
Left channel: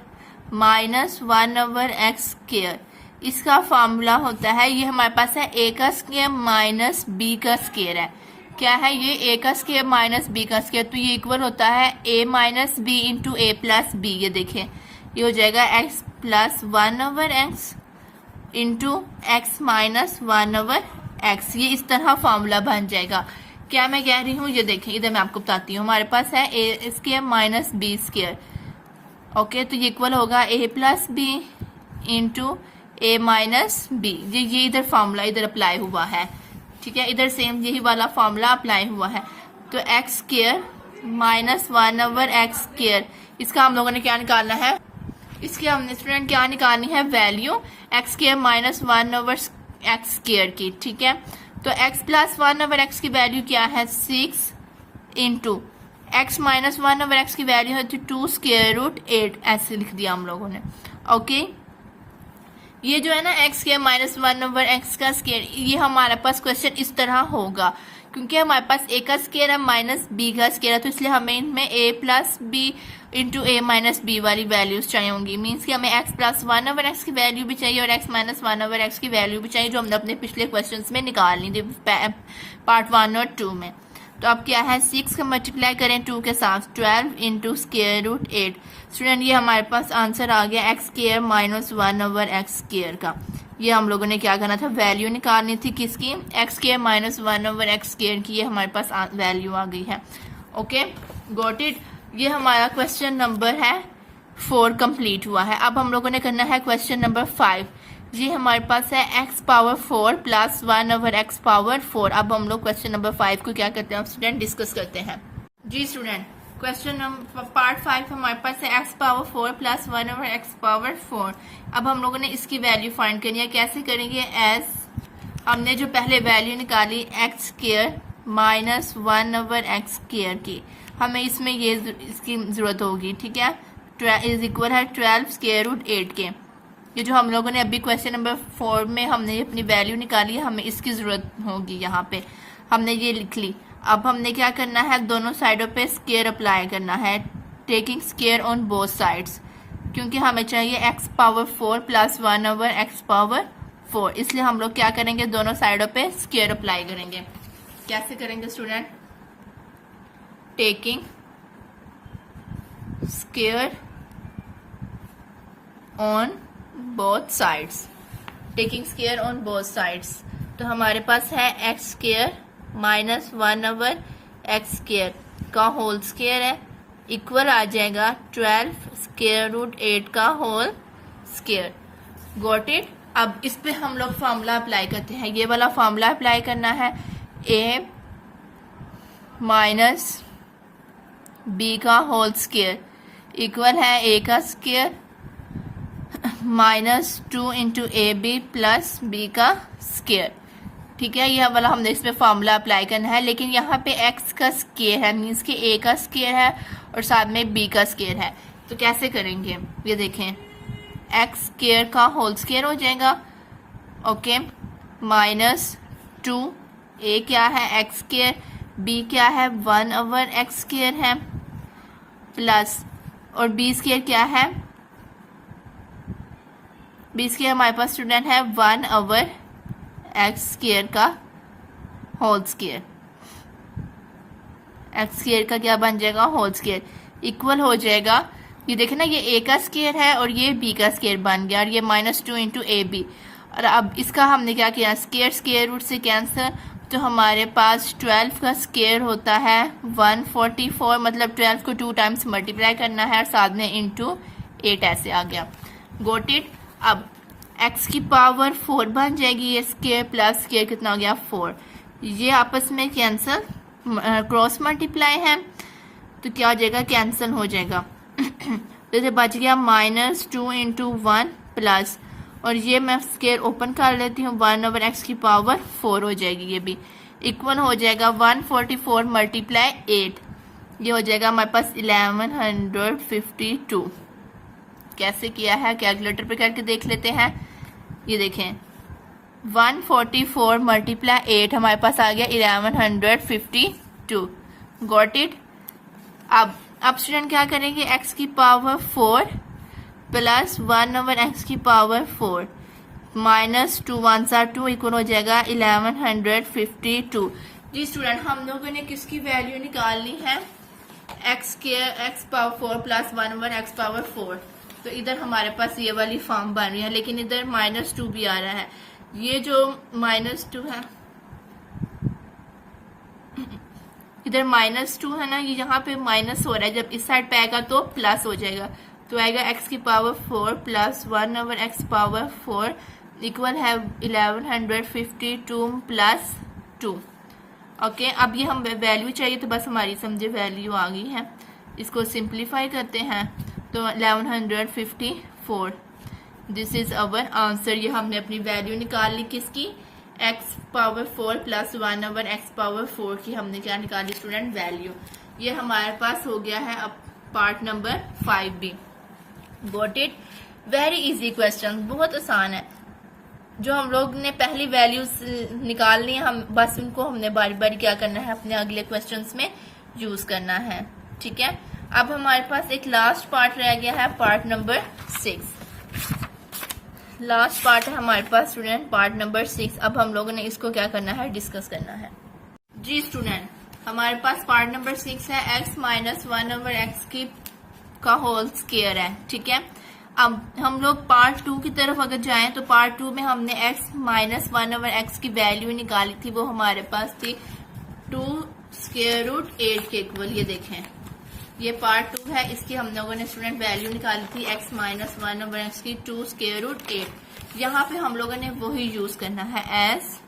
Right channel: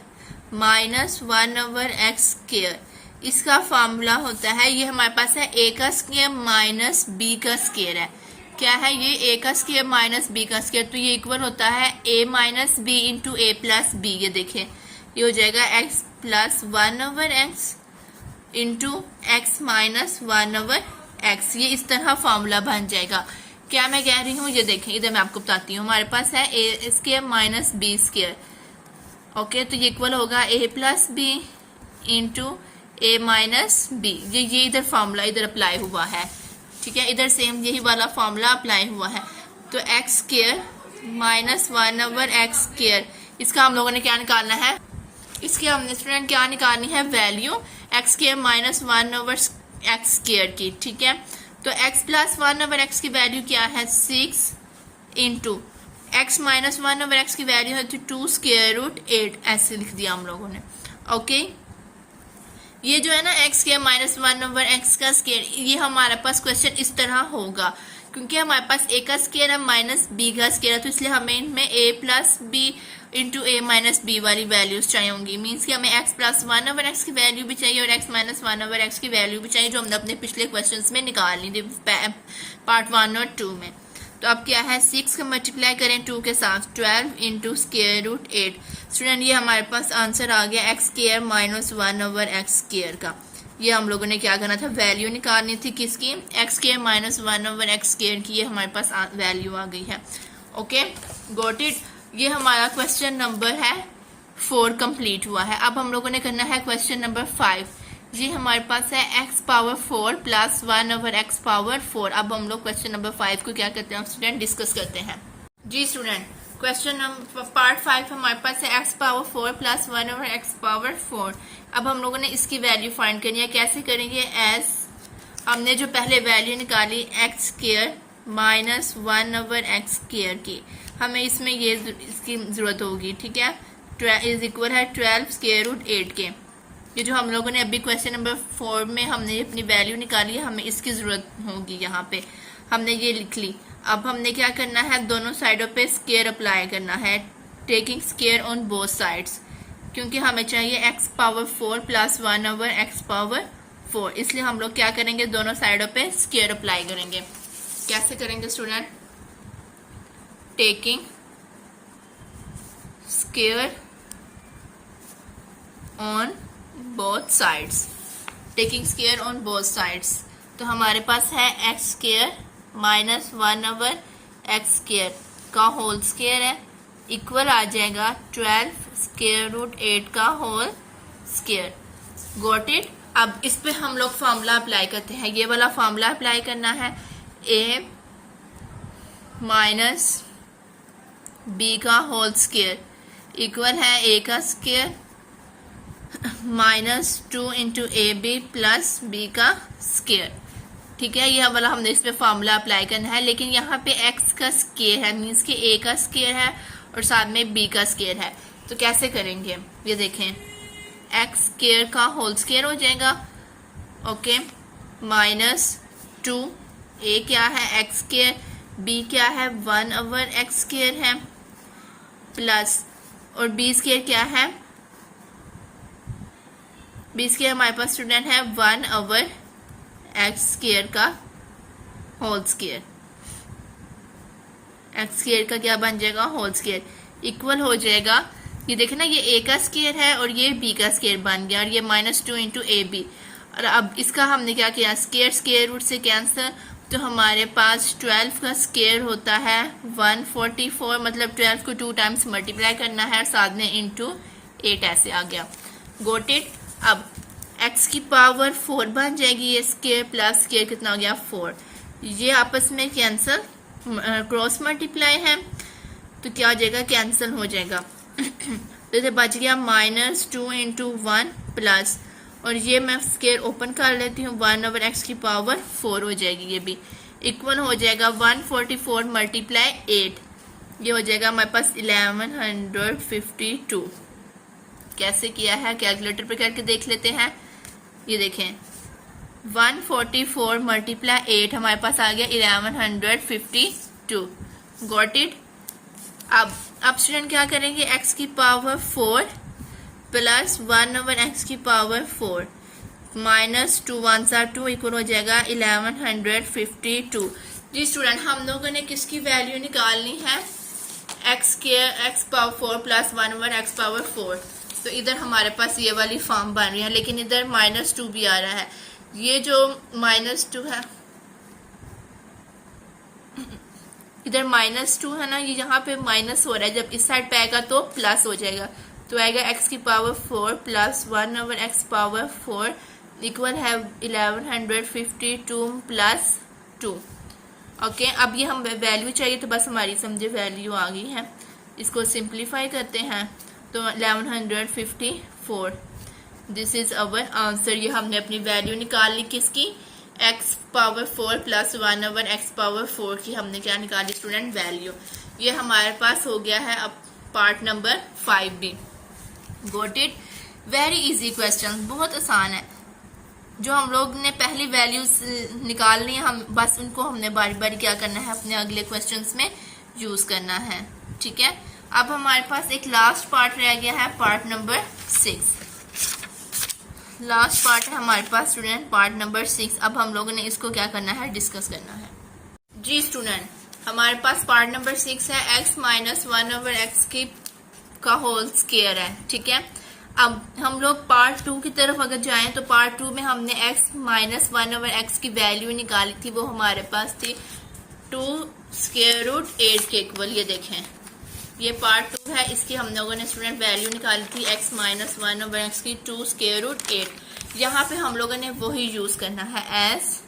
minus 1/x square, इसका फॉर्मूला होता है, ये हमारे पास है a का स्क्वायर माइनस b का स्क्वायर है, क्या है ये, a का स्क्वायर माइनस b का स्क्वायर, तो ये इक्वल होता है a minus b into a plus b। ये देखिए ये हो जाएगा x plus 1/x into x minus 1/x, ये इस तरह फॉर्मूला बन जाएगा। क्या मैं कह रही हूँ, ये देखें इधर मैं आपको बताती हूँ, हमारे पास है a square minus b square, okay, तो ये इक्वल होगा a plus b into a minus b। ये इधर फॉर्मूला इधर अप्लाई हुआ है, ठीक है, इधर सेम यही वाला फॉर्मूला अप्लाई हुआ है। तो x square minus 1/x square, इसका हम लोगों ने क्या निकालना है, इसकी हमने स्टूडेंट क्या निकालनी है, value x square minus 1/x square की, ठीक है। तो x प्लस 1/x की वैल्यू क्या है, 6 इंटू x माइनस 1/x की वैल्यू है 2 स्क्वायर रूट 8, ऐसे लिख दिया हम लोगों ने। ओके, ये जो है ना x स्क्वायर माइनस 1/x का स्क्वायर, ये हमारे पास क्वेश्चन इस तरह होगा, क्योंकि हमारे पास a का स्क्वायर है माइनस b का स्क्वायर है, तो इसलिए हमें इनमें a plus b into a minus b वाली वैल्यूज चाहिए होंगी। मीन्स कि हमें x प्लस 1/x की वैल्यू भी चाहिए और x माइनस 1/x की वैल्यू भी चाहिए, जो हमने अपने पिछले क्वेश्चंस में निकालनी थी पार्ट 1 और 2 में। तो अब क्या है, 6 का मल्टीप्लाई करें 2 के साथ, 12 इंटू स्क्वायर रूट 8। स्टूडेंट ये हमारे पास आंसर आ गया x square minus 1/x square का। ये हम लोगों ने क्या करना था, वैल्यू निकालनी थी किसकी, x square minus 1/x square की, ये हमारे पास वैल्यू आ गई है। Okay, got it. ये हमारा क्वेश्चन नंबर है 4 कंप्लीट हुआ है। अब हम लोगों ने करना है क्वेश्चन नंबर 5। ये हमारे पास है x power 4 plus 1/x power 4। अब हम लोग क्वेश्चन नंबर 5 को क्या करते हैं स्टूडेंट, डिस्कस करते हैं। जी स्टूडेंट, क्वेश्चन नंबर पार्ट 5 हमारे पास है x power 4 plus 1/x power 4। अब हम लोगों ने इसकी वैल्यू फाइंड करनी है। कैसे करेंगे, एस हमने जो पहले वैल्यू निकाली x square minus 1/x square की, हमें इसमें ये इसकी जरूरत होगी, ठीक है, इज इक्वल है 12 स्क्वायर रूट 8 के। ये जो हम लोगों ने अभी क्वेश्चन नंबर 4 में हमने अपनी वैल्यू निकाली है, हमें इसकी जरूरत होगी, यहाँ पे हमने ये लिख ली। अब हमने क्या करना है, दोनों साइडों पे स्क्वायर अप्लाई करना है, taking square on both sides, क्योंकि हमें चाहिए x power 4 plus 1/x power 4, इसलिए हम लोग क्या करेंगे, दोनों साइडों पे स्क्वायर अप्लाई करेंगे। कैसे करेंगे student, taking square on both sides, taking square on both sides. तो हमारे पास है x square minus 1/x square का होल स्क्वायर है, इक्वल आ जाएगा 12 स्क्वायर रूट 8 का होल स्क्वायर। Got it. अब इस पे हम लोग फॉर्मूला अप्लाई करते हैं, ये वाला फॉर्मूला अप्लाई करना है, a माइनस b का होल स्क्वायर इक्वल है a का square minus 2 into A B plus B का स्क्वायर, ठीक है। यह वाला हमने इस पे फॉर्मूला अप्लाई करना है, लेकिन यहाँ पे x का स्क्वायर है, मीन्स कि a का स्क्वायर है और साथ में b का स्क्वायर है। तो कैसे करेंगे, ये देखें, x स्क्वायर का होल स्क्वायर हो जाएगा, ओके, माइनस 2, ए क्या है एक्स स्क्वायर, बी क्या है 1/x स्क्वायर है, प्लस और बी स्क्वायर क्या है, बी स्क्वायर हमारे पास स्टूडेंट है 1/x स्क्वायर का होल स्क्वायर, एक्स स्क्वायर का क्या बन जाएगा होल स्क्वायर, इक्वल हो जाएगा, ये देखे ना ये ए का स्क्वायर है और ये बी का स्क्वायर बन गया और ये -2 इंटू ए बी। और अब इसका हमने क्या किया, स्क्वायर स्क्वायर रूट से कैंसिल, तो हमारे पास 12 का स्क्वायर होता है 144, मतलब 12 को 2 टाइम्स मल्टीप्लाई करना है और साथ में इंटू 8 ऐसे आ गया। Got it. अब x की पावर 4 बन जाएगी, ये स्क्वायर प्लस स्क्वायर कितना हो गया 4, ये आपस में कैंसिल क्रॉस मल्टीप्लाई है तो क्या हो जाएगा कैंसिल हो जाएगा तो ये बच गया -2 इंटू 1 प्लस, और ये मैं स्क्वायर ओपन कर लेती हूँ 1/x की पावर 4 हो जाएगी, ये भी इक्वल हो जाएगा 144 मल्टीप्लाई 8, ये हो जाएगा हमारे पास 1152। कैसे किया है कैलकुलेटर पे करके देख लेते हैं। ये देखें 144 मल्टीप्लाई 8 हमारे पास आ गया 1152। Got it. अब स्टूडेंट क्या करेंगे, x की पावर 4 प्लस 1/x की पावर 4 माइनस 2 1 सा 2 इक्वल हो जाएगा 1152। जी स्टूडेंट, हम लोगों ने किसकी वैल्यू निकालनी है, x power 4 plus 1/x power 4। तो इधर हमारे पास ये वाली फॉर्म बन रही है, लेकिन इधर -2 भी आ रहा है, ये जो -2 है, इधर -2 है ना, ये यहाँ पे माइनस हो रहा है, जब इस साइड पे आएगा तो प्लस हो जाएगा, तो आएगा x की power 4 plus 1/x power 4 equal है 1152 प्लस 2। ओके, अब ये हम वैल्यू चाहिए तो बस हमारी समझे वैल्यू आ गई है, इसको सिंप्लीफाई करते हैं तो 1154, दिस इज अवर आंसर। ये हमने अपनी वैल्यू निकाल ली किसकी, x power 4 plus 1/x power 4 की हमने क्या निकाली स्टूडेंट वैल्यू। ये हमारे पास हो गया है अब पार्ट नंबर 5 भी। Got it. Very easy question, बहुत आसान है। जो हम लोग ने पहली वैल्यूज निकालनी है, हम बस उनको हमने बारी बारी क्या करना है अपने अगले क्वेश्चंस में यूज करना है। ठीक है, अब हमारे पास एक लास्ट पार्ट रह गया है, पार्ट नंबर 6। लास्ट पार्ट है हमारे पास स्टूडेंट पार्ट नंबर 6। अब हम लोगों ने इसको क्या करना है, डिस्कस करना है। जी स्टूडेंट, हमारे पास पार्ट नंबर 6 है, x माइनस 1/x की का होल स्क्वायर है। ठीक है, अब हम लोग पार्ट 2 की तरफ अगर जाएं तो पार्ट 2 में हमने x माइनस 1/x की वैल्यू निकाली थी, वो हमारे पास थी 2 स्क्वायर रूट 8 के इक्वल। ये देखें, ये पार्ट 2 है, इसकी हम लोगों ने स्टूडेंट वैल्यू निकाली थी x माइनस 1/x की 2 स्क्वायर रूट 8। यहाँ पे हम लोगों ने वही यूज करना है, एस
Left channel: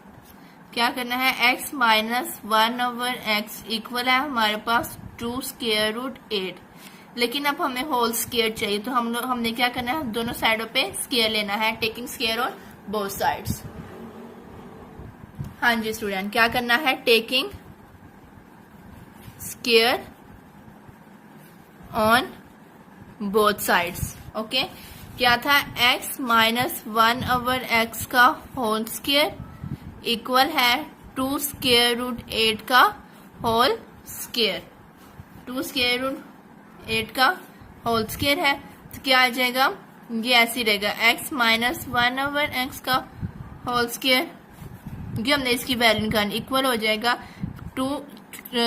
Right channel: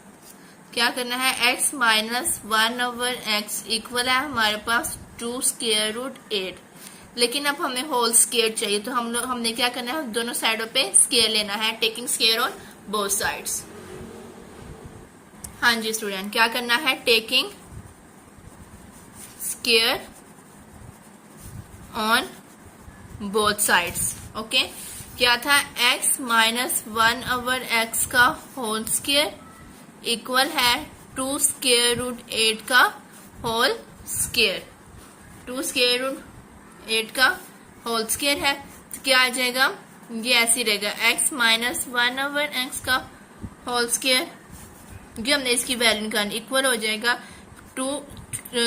क्या करना है, x माइनस 1/x इक्वल है हमारे पास 2 स्क्वायर रूट 8। लेकिन अब हमें होल स्क्वायर चाहिए, तो हमने क्या करना है, दोनों साइडों पे स्क्वायर लेना है, taking square on both sides. हाँ जी स्टूडेंट, क्या करना है, taking square on both sides. Okay, क्या था, x माइनस 1/x का होल स्क्वायर इक्वल है 2 स्क्वायर रूट 8 का होल स्क्वायर। 2 स्क्वायर रूट 8 का होल स्क्वायर है, तो क्या आ जाएगा, ये ऐसे रहेगा, x माइनस 1/x का होल स्क्वायर, क्योंकि हमने इसकी वैल्यू निकालनी, इक्वल हो जाएगा 2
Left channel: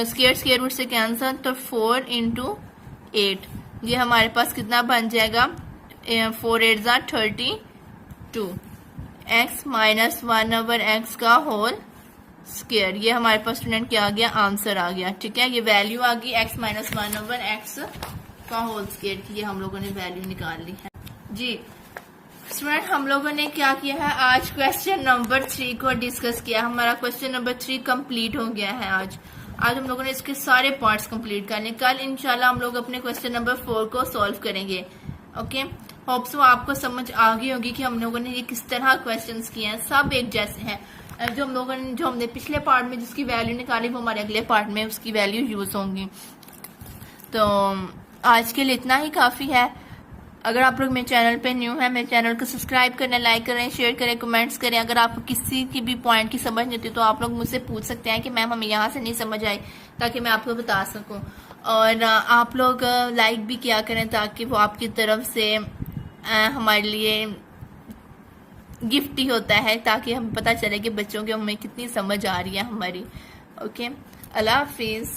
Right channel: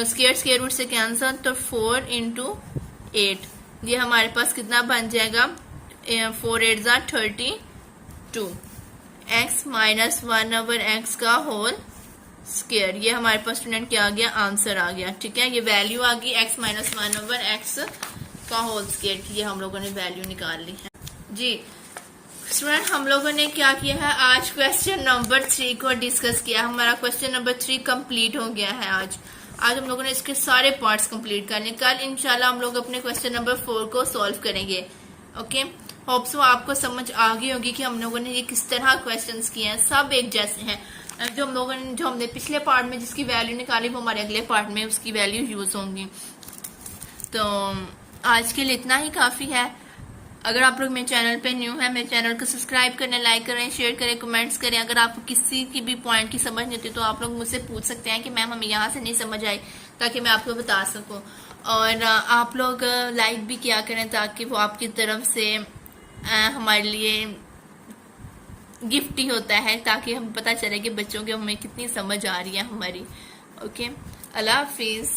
स्क्वायर रूट से कैंसिल, तो 4 इंटू 8, ये हमारे पास कितना बन जाएगा, 4 8 जा 32, x माइनस 1/x का होल स्क्वायर। ये हमारे पास स्टूडेंट क्या आ गया, आंसर आ गया। ठीक है, ये वैल्यू आ गई x माइनस 1/x का होल स्क्वायर की, ये हम लोगों ने वैल्यू निकाल ली है। जी स्टूडेंट, हम लोगों ने क्या किया है, आज क्वेश्चन नंबर 3 को डिस्कस किया। हमारा क्वेश्चन नंबर 3 कंप्लीट हो गया है। आज हम लोगों ने इसके सारे पार्ट्स कंप्लीट कर लिए। कल इंशाल्लाह हम लोग अपने क्वेश्चन नंबर 4 को सॉल्व करेंगे। ओके, होप्स वो आपको समझ आ गई होगी कि हम लोगों ने ये किस तरह क्वेश्चंस किए हैं, सब एक जैसे हैं। जो हमने पिछले पार्ट में जिसकी वैल्यू निकाली, वो हमारे अगले पार्ट में उसकी वैल्यू यूज होंगी। तो आज के लिए इतना ही काफी है। अगर आप लोग मेरे चैनल पे न्यू है, मेरे चैनल को सब्सक्राइब करें, लाइक करें, शेयर करें, कमेंट्स करें। अगर आपको किसी की भी पॉइंट की समझ नहीं होती तो आप लोग मुझसे पूछ सकते हैं कि मैम हमें यहाँ से नहीं समझ आई, ताकि मैं आपको बता सकूं। और आप लोग लाइक भी किया करें ताकि वो आपकी तरफ से हमारे लिए गिफ्ट ही होता है, ताकि हमें पता चले कि बच्चों की हमें कितनी समझ आ रही है हमारी। ओके, अल्लाह हाफिज।